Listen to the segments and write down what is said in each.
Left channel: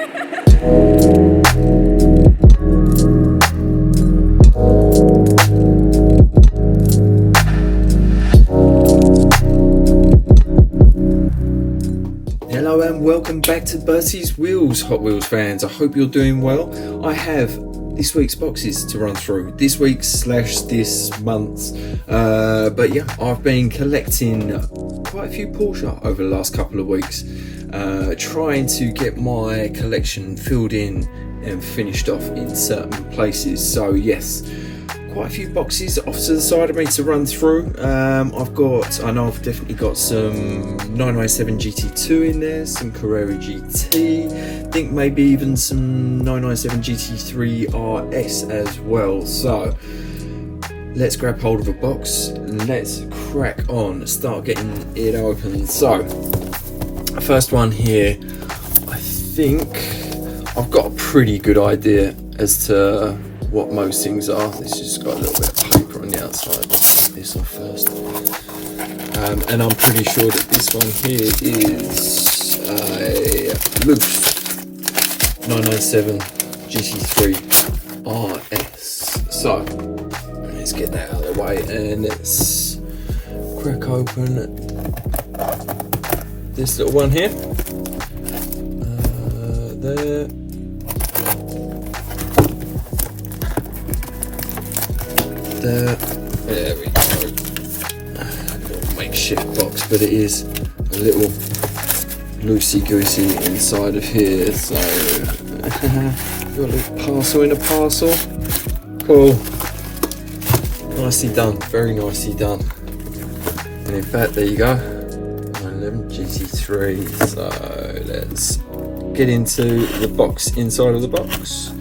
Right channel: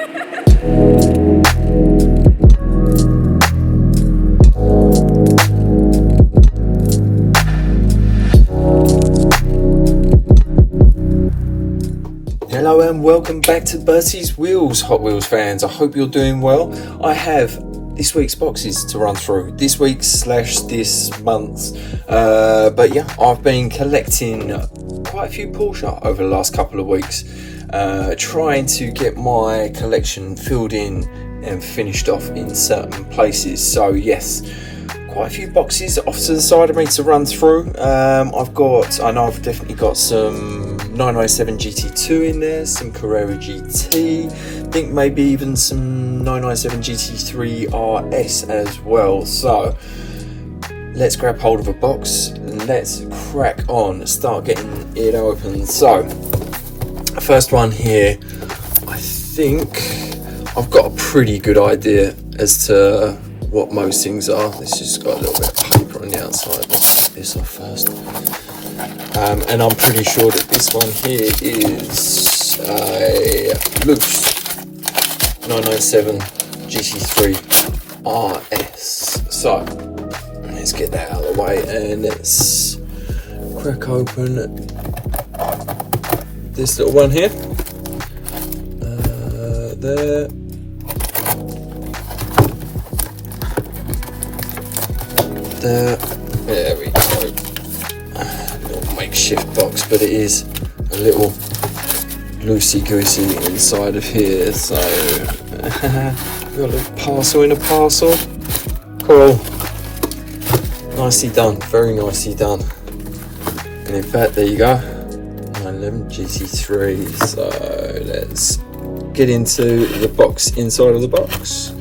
Hello and welcome back to BERTIE'S Wheels, Hot Wheels fans. I hope you're doing well. I have this week's boxes to run through, this week's / this month's. But yeah, I've been collecting quite a few Porsche over the last couple of weeks, trying to get my collection filled in and finished off in certain places. So yes, quite a few boxes off to the side of me to run through. I know I've definitely got some 997 GT2 in there, some Carrera GT, I think maybe even some 997 GT3 RS as well. So let's grab hold of a box and let's crack on, start getting it open. So first one here, I think I've got a pretty good idea as to what most things are. This just got a little bit of paper on the outside. Let's get this off first. And I'm pretty sure that this one here is a loose 997 GT3 RS. So let's get that out of the way and let's crack open this little one here. There. There we go. A little makeshift box, but it is a little loosey-goosey inside of here. So got a little parcel in a parcel. Cool. Nicely done. Very nicely done. And in fact, there you go. 911 GT3. So let's get into the box inside of the box.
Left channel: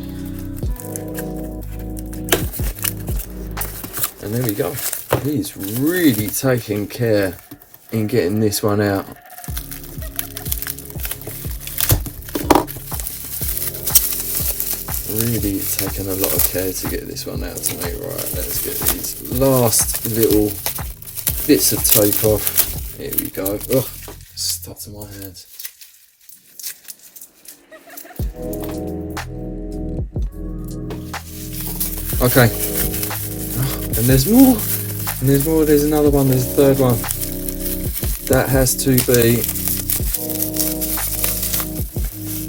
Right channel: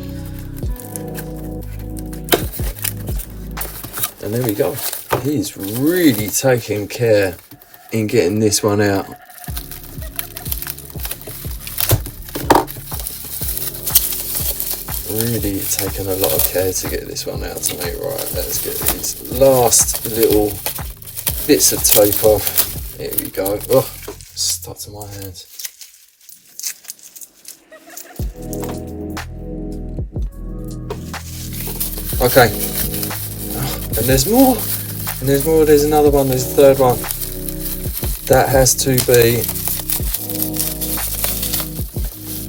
And there we go. He's really taking care in getting this one out. Really taking a lot of care to get this one out to me. Right, let's get these last little bits of tape off. Here we go. Oh, stuck to my hands. Okay. And there's more, there's another one, there's a third one. That has to be,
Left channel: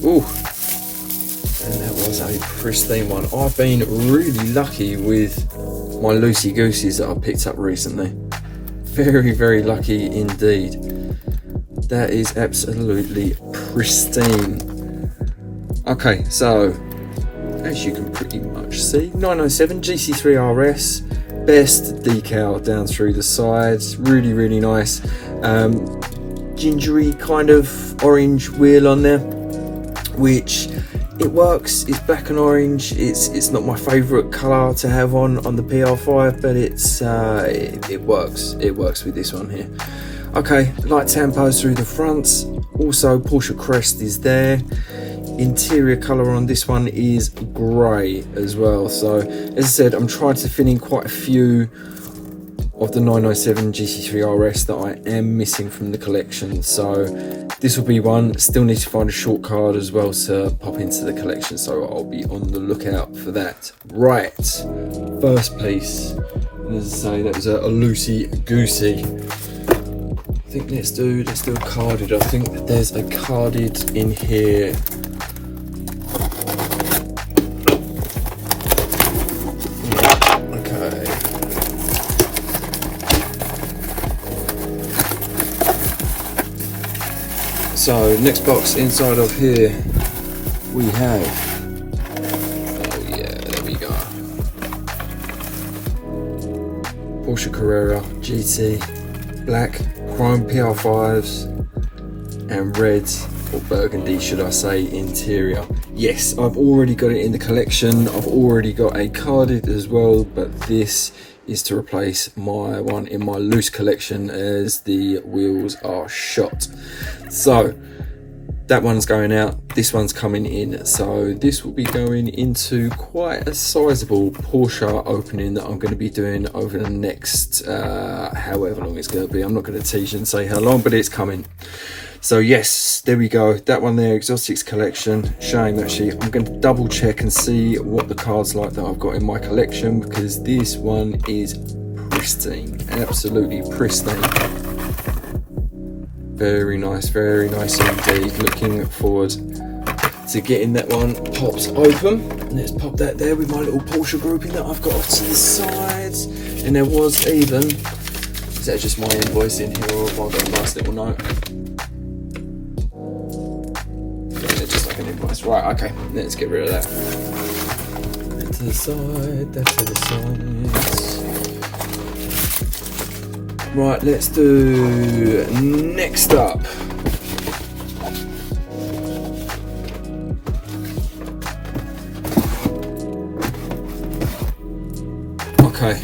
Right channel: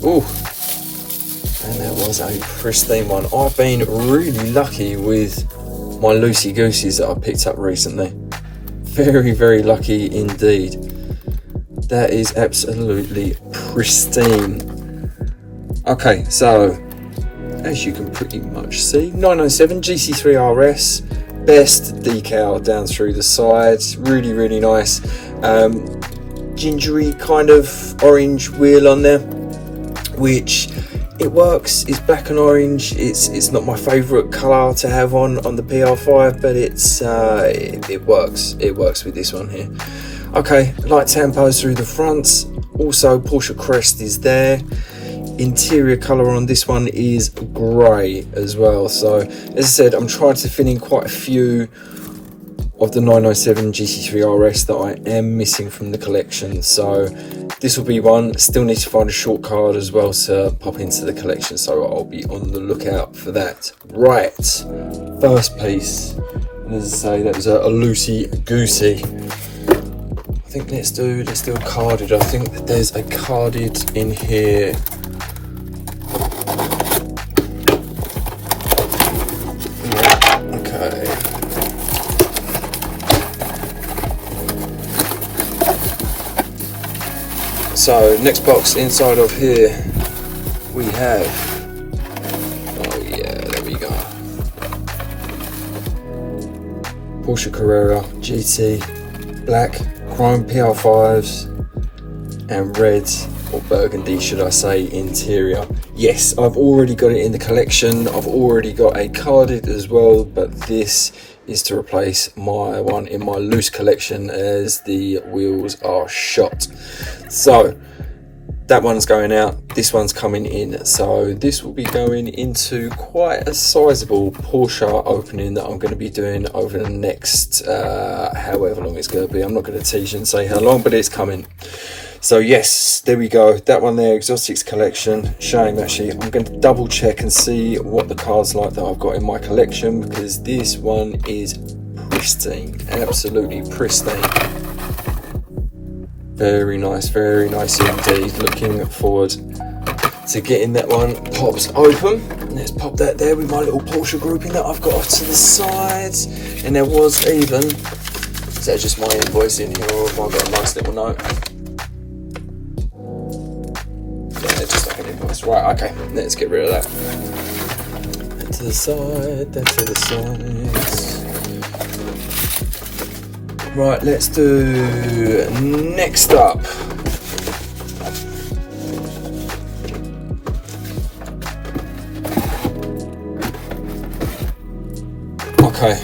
ooh, and that was a pristine one. I've been really lucky with my loosey-goosies that I picked up recently. Very, very lucky indeed. That is absolutely pristine. Okay, so, as you can pretty much see, 997 GT3 RS. Best decal down through the sides, really, really nice. Gingery kind of orange wheel on there, which it works. It's black and orange. It's not my favourite colour to have on the PR5, but it works. It works with this one here. Okay, light tampos through the fronts. Also, Porsche crest is there. Interior colour on this one is grey as well. So as I said, I'm trying to fill in quite a few of the 997 GT3 RS that I am missing from the collection. So this will be one. Still need to find a short card as well to pop into the collection, so I'll be on the lookout for that. Right, first piece, and as I say, that was a loosey-goosey. I think let's do a carded. I think that there's a carded in here. So next box inside of here we have, oh yeah, there we go, Porsche Carrera GT, black, chrome PR5s and red, or burgundy should I say, interior. Yes, I've already got it in the collection. I've already got a carded as well, but this is to replace my one in my loose collection as the wheels are shot. So that one's going out, this one's coming in. So this will be going into quite a sizable Porsche opening that I'm going to be doing over the next however long it's going to be. I'm not going to tease and say how long, but it's coming. So yes, there we go, that one there, Exotics collection. Shame actually, I'm going to double check and see what the cars like that I've got in my collection, because this one is pristine, absolutely pristine. Very nice indeed. Looking forward to getting that one popped open. Let's pop that there with my little Porsche grouping that I've got off to the side. And there was even, is that just my invoice in here, or have I got a nice little note? Yeah, just like an invoice. Right, okay, let's get rid of that. That to the side, that to the side. Right, let's do next up. Okay,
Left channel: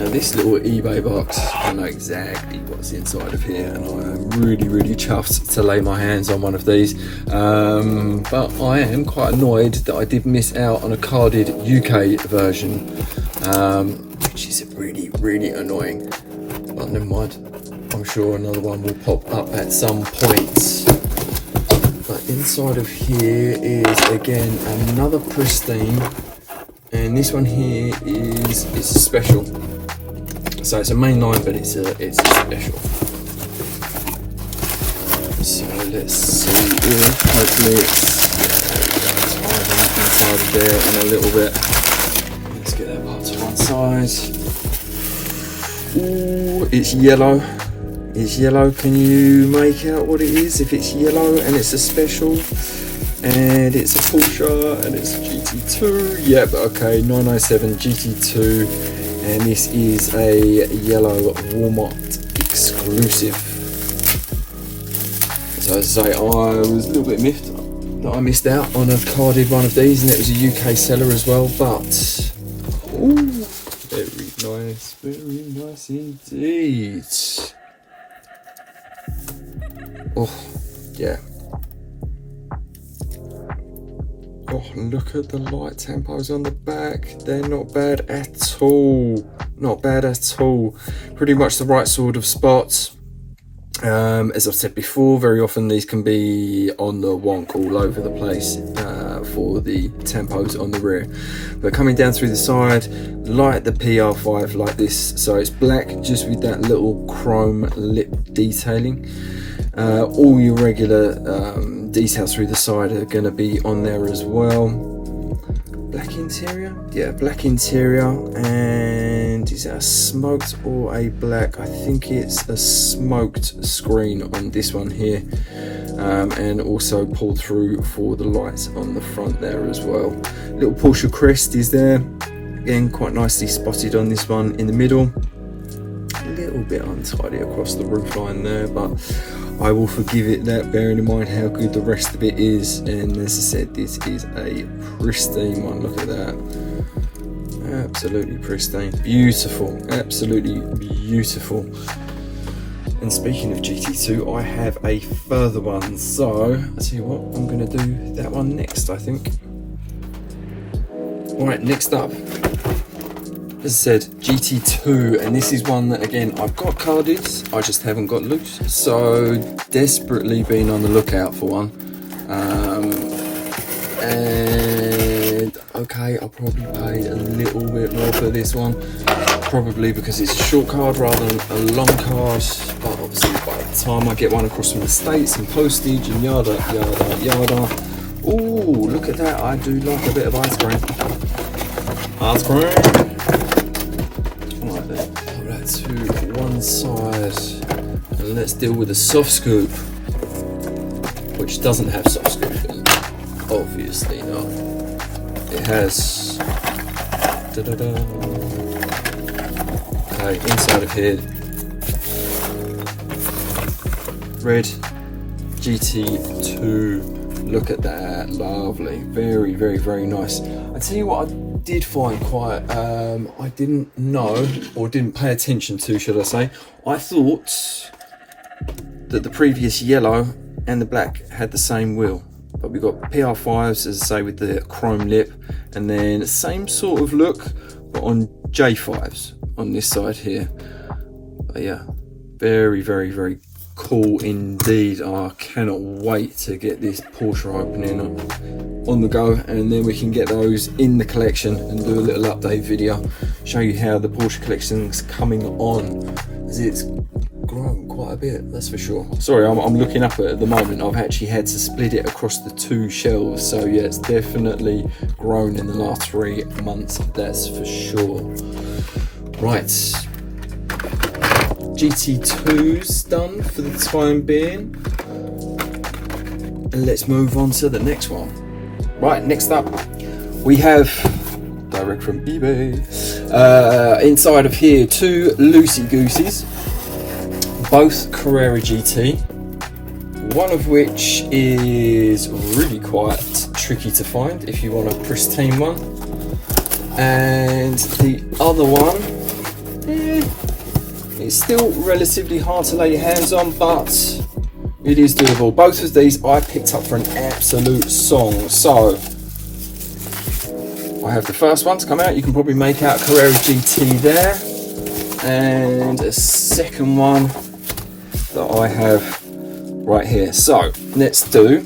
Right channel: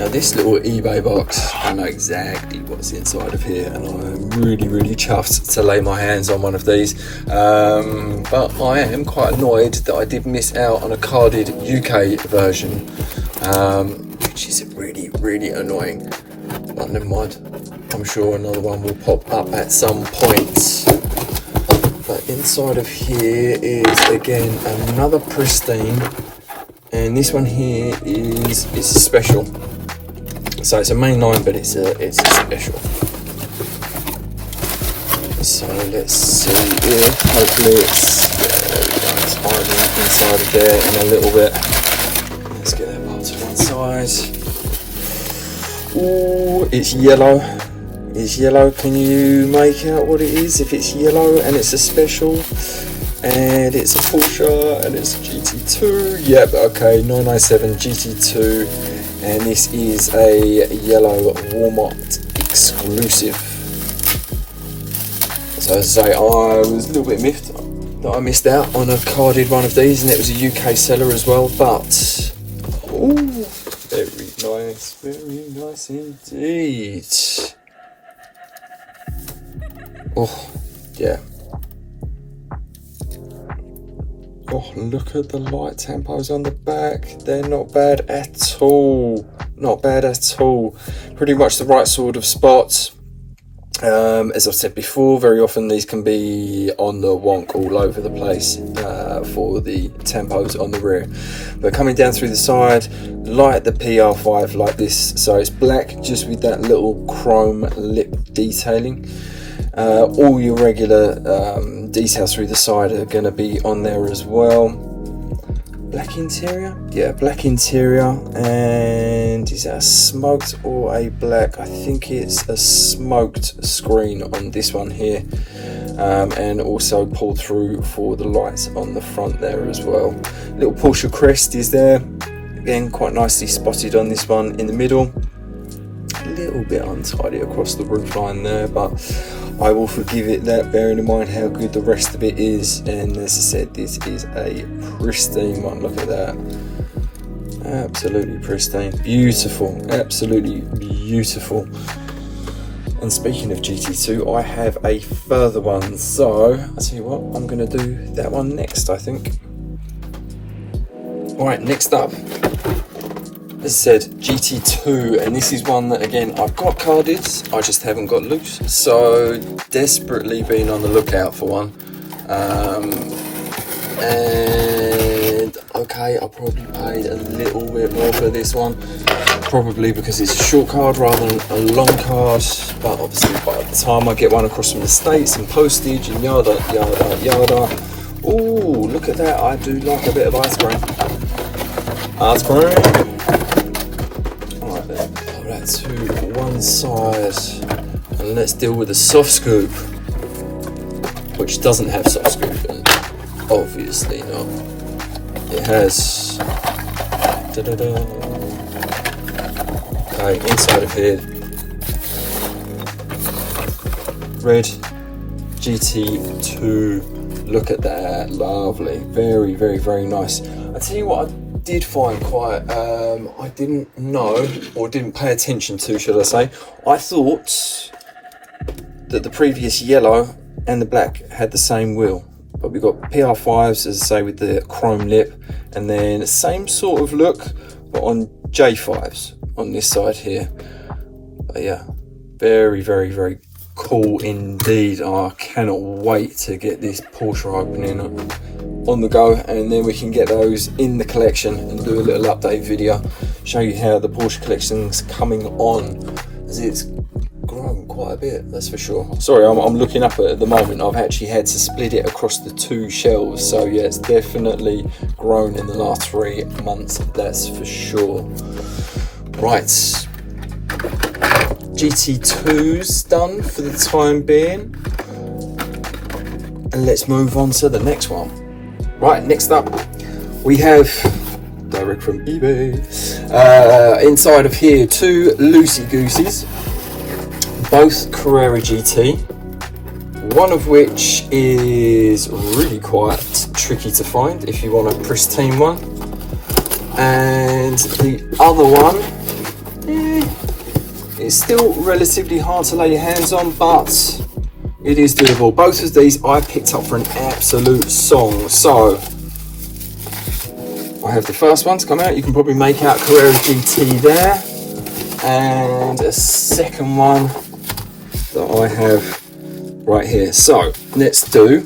now this little eBay box, I know exactly what's inside of here, and I'm really chuffed to lay my hands on one of these. But I am quite annoyed that I did miss out on a carded UK version, which is really annoying. But never mind, I'm sure another one will pop up at some point. But inside of here is again another pristine, and this one here is a special. So it's a mainline, but it's a special. So let's see here. Hopefully it's hiding inside of there in a little bit. Let's get that part to one side. Ooh, it's yellow. It's yellow. Can you make out what it is? If it's yellow and it's a special and it's a Porsche and it's a GT2, yep, okay, 997 GT2, and this is a yellow Walmart exclusive. So as I say, I was a little bit miffed that I missed out on a carded one of these, and it was a UK seller as well, but ooh, very nice indeed. Oh, yeah. Oh, look at the light tempos on the back. They're not bad at all. Not bad at all. Pretty much the right sort of spots. As I've said before, very often these can be on the wonk all over the place for the tempos on the rear. But coming down through the side, like the PR5 like this, so it's black just with that little chrome lip detailing. All your regular details through the side are going to be on there as well. Black interior? Yeah, black interior. And is that a smoked or a black? I think it's a smoked screen on this one here. And also pulled through for the lights on the front there as well. Little Porsche crest is there. Again, quite nicely spotted on this one in the middle. A little bit untidy across the roofline there, but I will forgive it that, bearing in mind how good the rest of it is. And as I said, this is a pristine one. Look at that. Absolutely pristine. Beautiful. Absolutely beautiful. And speaking of GT2, I have a further one. So, I'll tell you what, I'm going to do that one next, I think. Alright, next up. As I said, GT2, and this is one that, again, I've got carded, I just haven't got loose, so desperately been on the lookout for one. And okay, I probably paid a little bit more for this one, probably because it's a short card rather than a long card, but obviously by the time I get one across from the States and postage and yada. Ooh, look at that, I do like a bit of ice cream. Ice cream. To one side, and let's deal with the soft scoop, which doesn't have soft scoop, obviously not. It has okay, inside of here, red GT2. Look at that, lovely, very nice. I tell you what, I did find quite, I didn't know, or didn't pay attention to, should I say. I thought that the previous yellow and the black had the same wheel, but we've got PR5s, as I say, with the chrome lip, and then the same sort of look, but on J5s on this side here. But yeah, very cool indeed. I cannot wait to get this Porsche opening on the go, and then we can get those in the collection and do a little update video, show you how the Porsche collection's coming on, as it's grown quite a bit, that's for sure. Sorry, I'm looking up at the moment. I've actually had to split it across the 2 shelves, so yeah, it's definitely grown in the last 3 months, that's for sure. Right, GT2s done for the time being, and let's move on to the next one. Right, next up we have, direct from eBay, inside of here 2 loosey-gooseys, both Carrera GT, one of which is really quite tricky to find if you want a pristine one, and the other one is still relatively hard to lay your hands on, but it is doable. Both of these I picked up for an absolute song. So I have the first one to come out. You can probably make out Carrera GT there, and a second one that I have right here. So let's do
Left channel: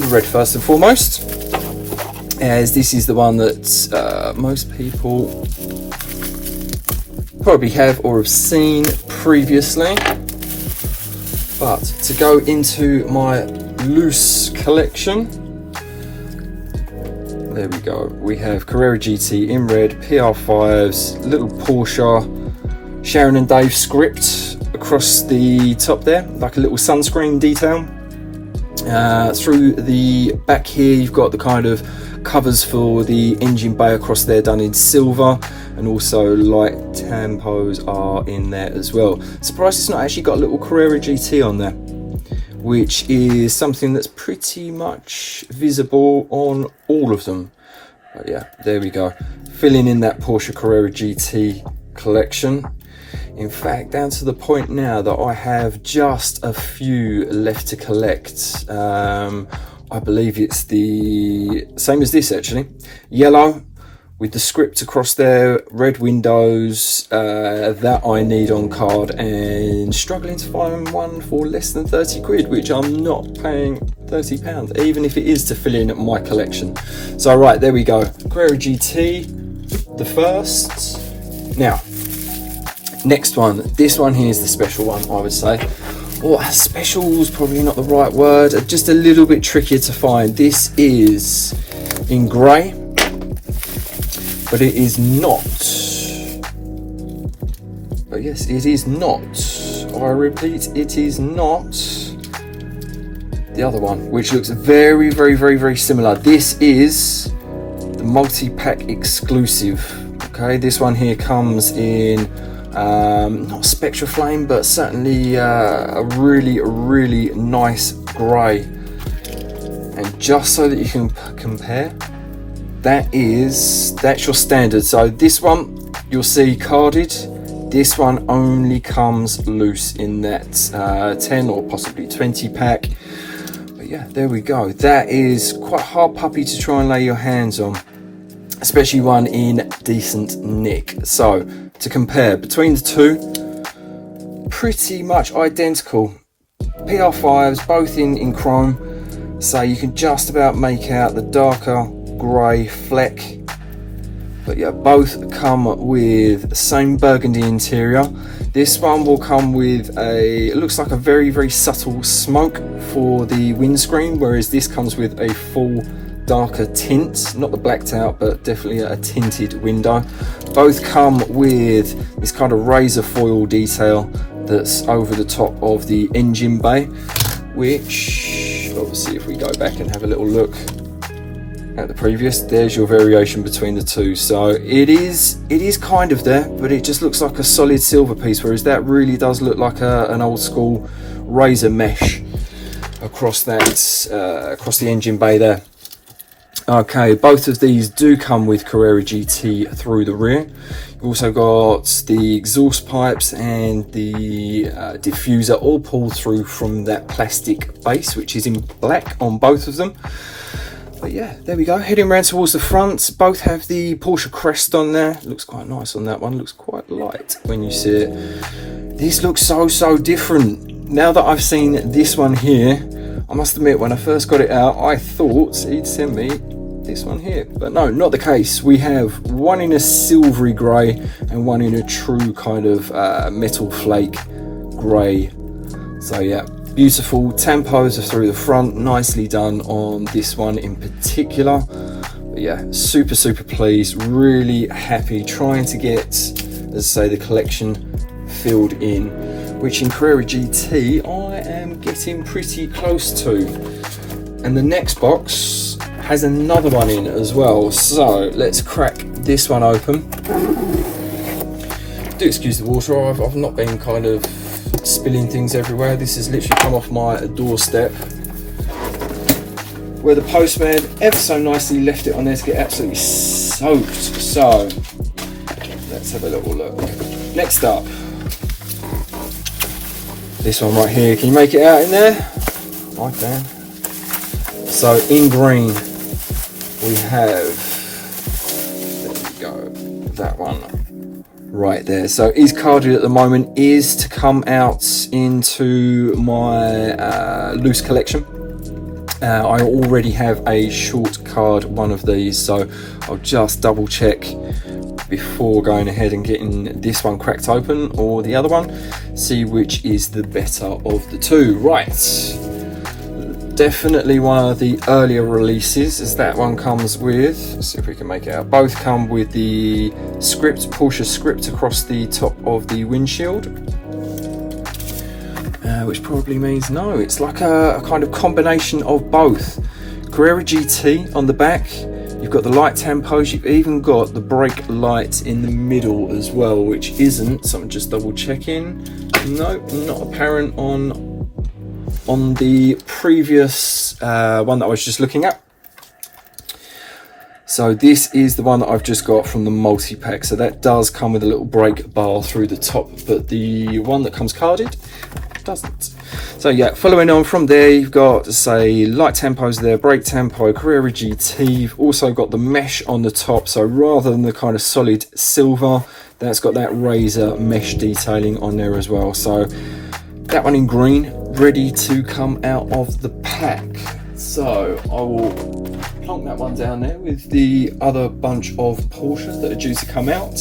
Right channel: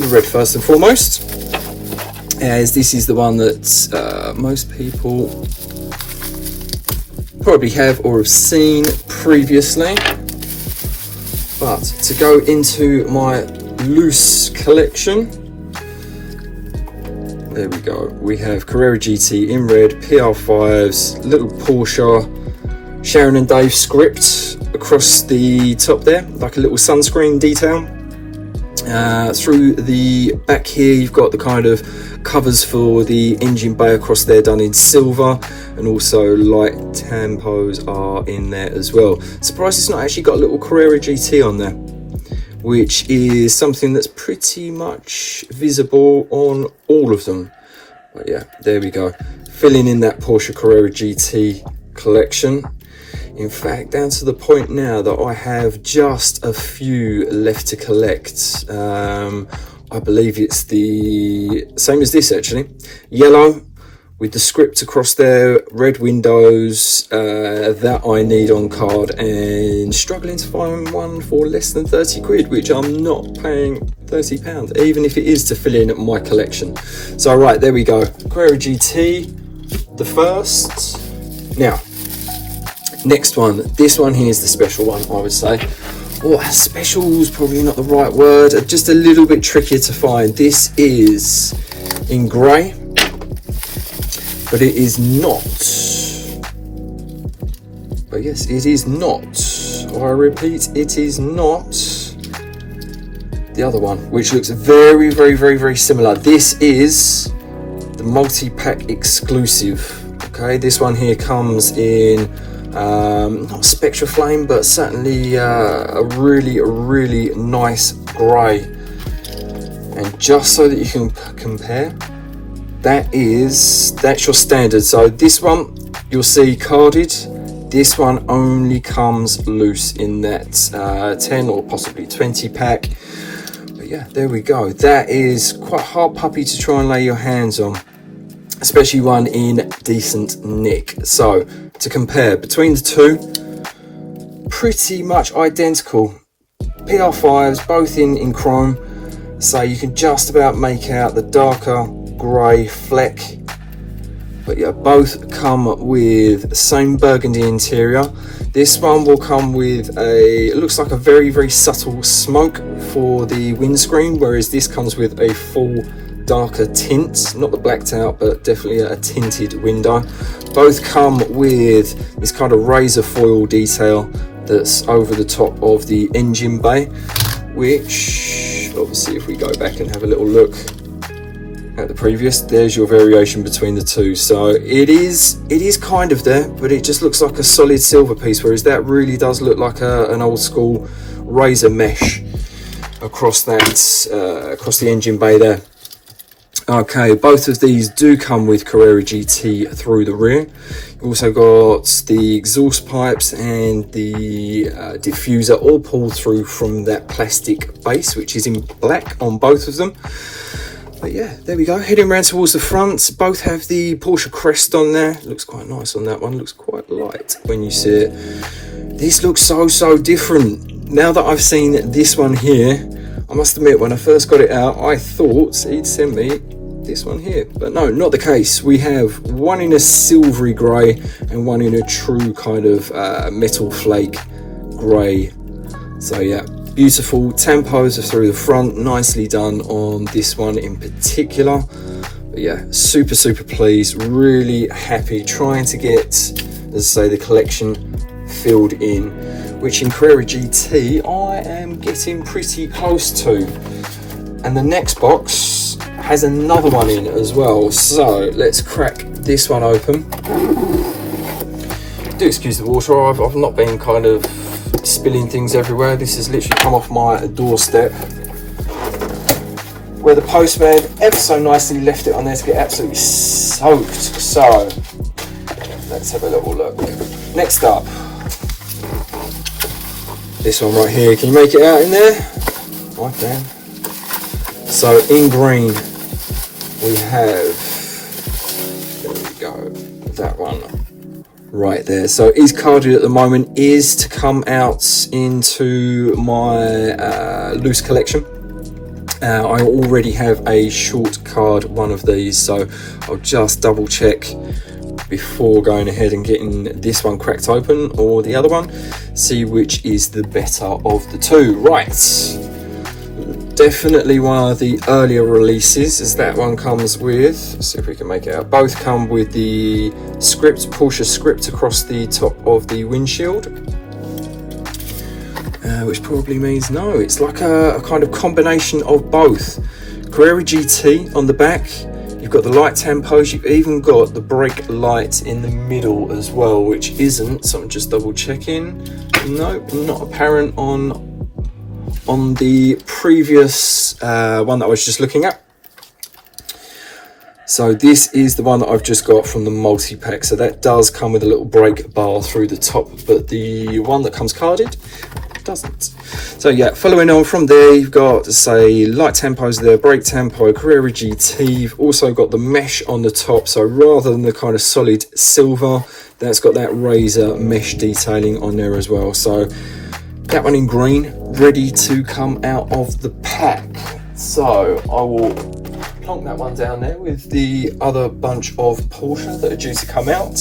the red first and foremost, as this is the one that most people probably have or have seen previously. But to go into my loose collection, there we go. We have Carrera GT in red, PR5s, little Porsche, Sharon and Dave script across the top there, like a little sunscreen detail. Through the back here, you've got the kind of covers for the engine bay across there done in silver, and also light tampos are in there as well. Surprised it's not actually got a little Carrera GT on there, which is something that's pretty much visible on all of them. But yeah, there we go, filling in that Porsche Carrera GT collection. In fact, down to the point now that I have just a few left to collect. I believe it's the same as this actually, yellow with the script across there, red windows, that I need on card, and struggling to find one for less than 30 quid, which I'm not paying £30, even if it is to fill in my collection. So right, there we go, Carrera GT, the first. Now, next one, this one here is the special one, I would say. Oh, special is probably not the right word, just a little bit trickier to find. This is in grey, but it is not. But yes, it is not. I repeat, it is not the other one, which looks very, very, very, very similar. This is the multi-pack exclusive. Okay, this one here comes in not Spectra Flame, but certainly a really nice grey. And just so that you can compare, that's your standard. So this one you'll see carded, this one only comes loose in that 10 or possibly 20 pack. But yeah, there we go. That is quite a hard puppy to try and lay your hands on, especially one in decent nick. So to compare between the two, pretty much identical. PR5s, both in chrome, so you can just about make out the darker grey fleck. But yeah, both come with the same burgundy interior. This one will come with it looks like a very, very subtle smoke for the windscreen, whereas this comes with a full darker tint, not the blacked out, but definitely a tinted window. Both come with this kind of razor foil detail that's over the top of the engine bay, which obviously if we go back and have a little look at the previous, there's your variation between the two. So it is kind of there, but it just looks like a solid silver piece, whereas that really does look like an old school razor mesh across that across the engine bay there. Okay, both of these do come with Carrera GT through the rear. You've also got the exhaust pipes and the diffuser all pulled through from that plastic base, which is in black on both of them. But yeah, there we go. Heading round towards the front. Both have the Porsche crest on there. Looks quite nice on that one. Looks quite light when you see it. This looks so different. Now that I've seen this one here, I must admit, when I first got it out, I thought he'd send me this one here. But no, not the case. We have one in a silvery grey and one in a true kind of metal flake grey. So yeah, beautiful. Tampos are through the front, nicely done on this one in particular. But yeah, super pleased, really happy, trying to get, as I say, the collection filled in, which in Carrera GT I am getting pretty close to. And the next box has another one in as well, so let's crack this one open. Do excuse the water, I've not been kind of spilling things everywhere. This has literally come off my doorstep where the postman ever so nicely left it on there to get absolutely soaked. So let's have a little look. Next up, this one right here. Can you make it out in there? I can. So in green we have, there we go, that one right there. So is carded at the moment, is to come out into my loose collection. I already have a short card one of these, so I'll just double check before going ahead and getting this one cracked open or the other one, see which is the better of the two. Right, definitely one of the earlier releases, as that one comes with, let's see if we can make it out, both come with the script, Porsche script across the top of the windshield, which probably means no, it's like a kind of combination of both. Carrera GT on the back, you've got the light tampos, you've even got the brake light in the middle as well, which isn't, so I'm just double checking, nope, not apparent on the previous one that I was just looking at. So this is the one that I've just got from the multi-pack, so that does come with a little brake bar through the top, but the one that comes carded doesn't. So yeah, following on from there, you've got, say, light tampos there, brake tempo, Carrera GT. You've also got the mesh on the top, so rather than the kind of solid silver, that's got that razor mesh detailing on there as well. So that one in green, ready to come out of the pack. So I will plonk that one down there with the other bunch of Porsches that are due to come out.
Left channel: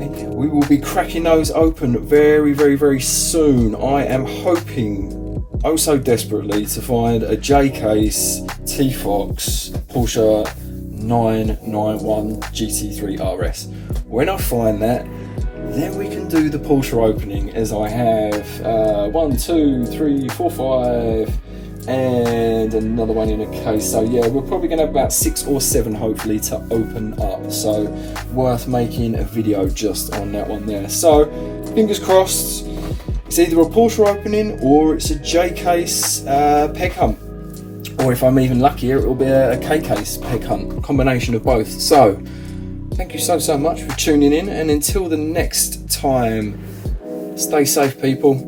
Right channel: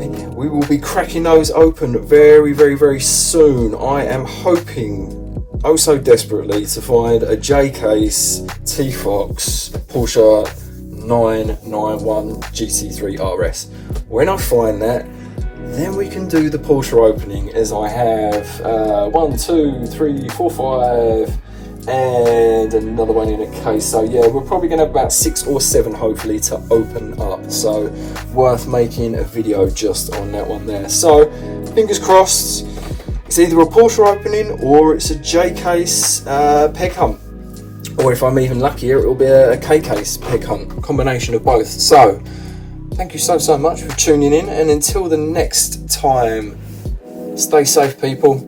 And yeah, we will be cracking those open very soon. I am hoping, oh so desperately, to find a J-Case T-Fox Porsche 991 GT3 RS. When I find that, then we can do the Porsche opening, as I have 1, 2, 3, 4, 5 and another one in a case. So yeah, we're probably going to have about 6 or 7 hopefully to open up, so worth making a video just on that one there. So fingers crossed, it's either a Porsche opening or it's a J-Case peg hunt, or if I'm even luckier, it will be a K-Case peg hunt, combination of both. So thank you so much for tuning in, and until the next time, stay safe people.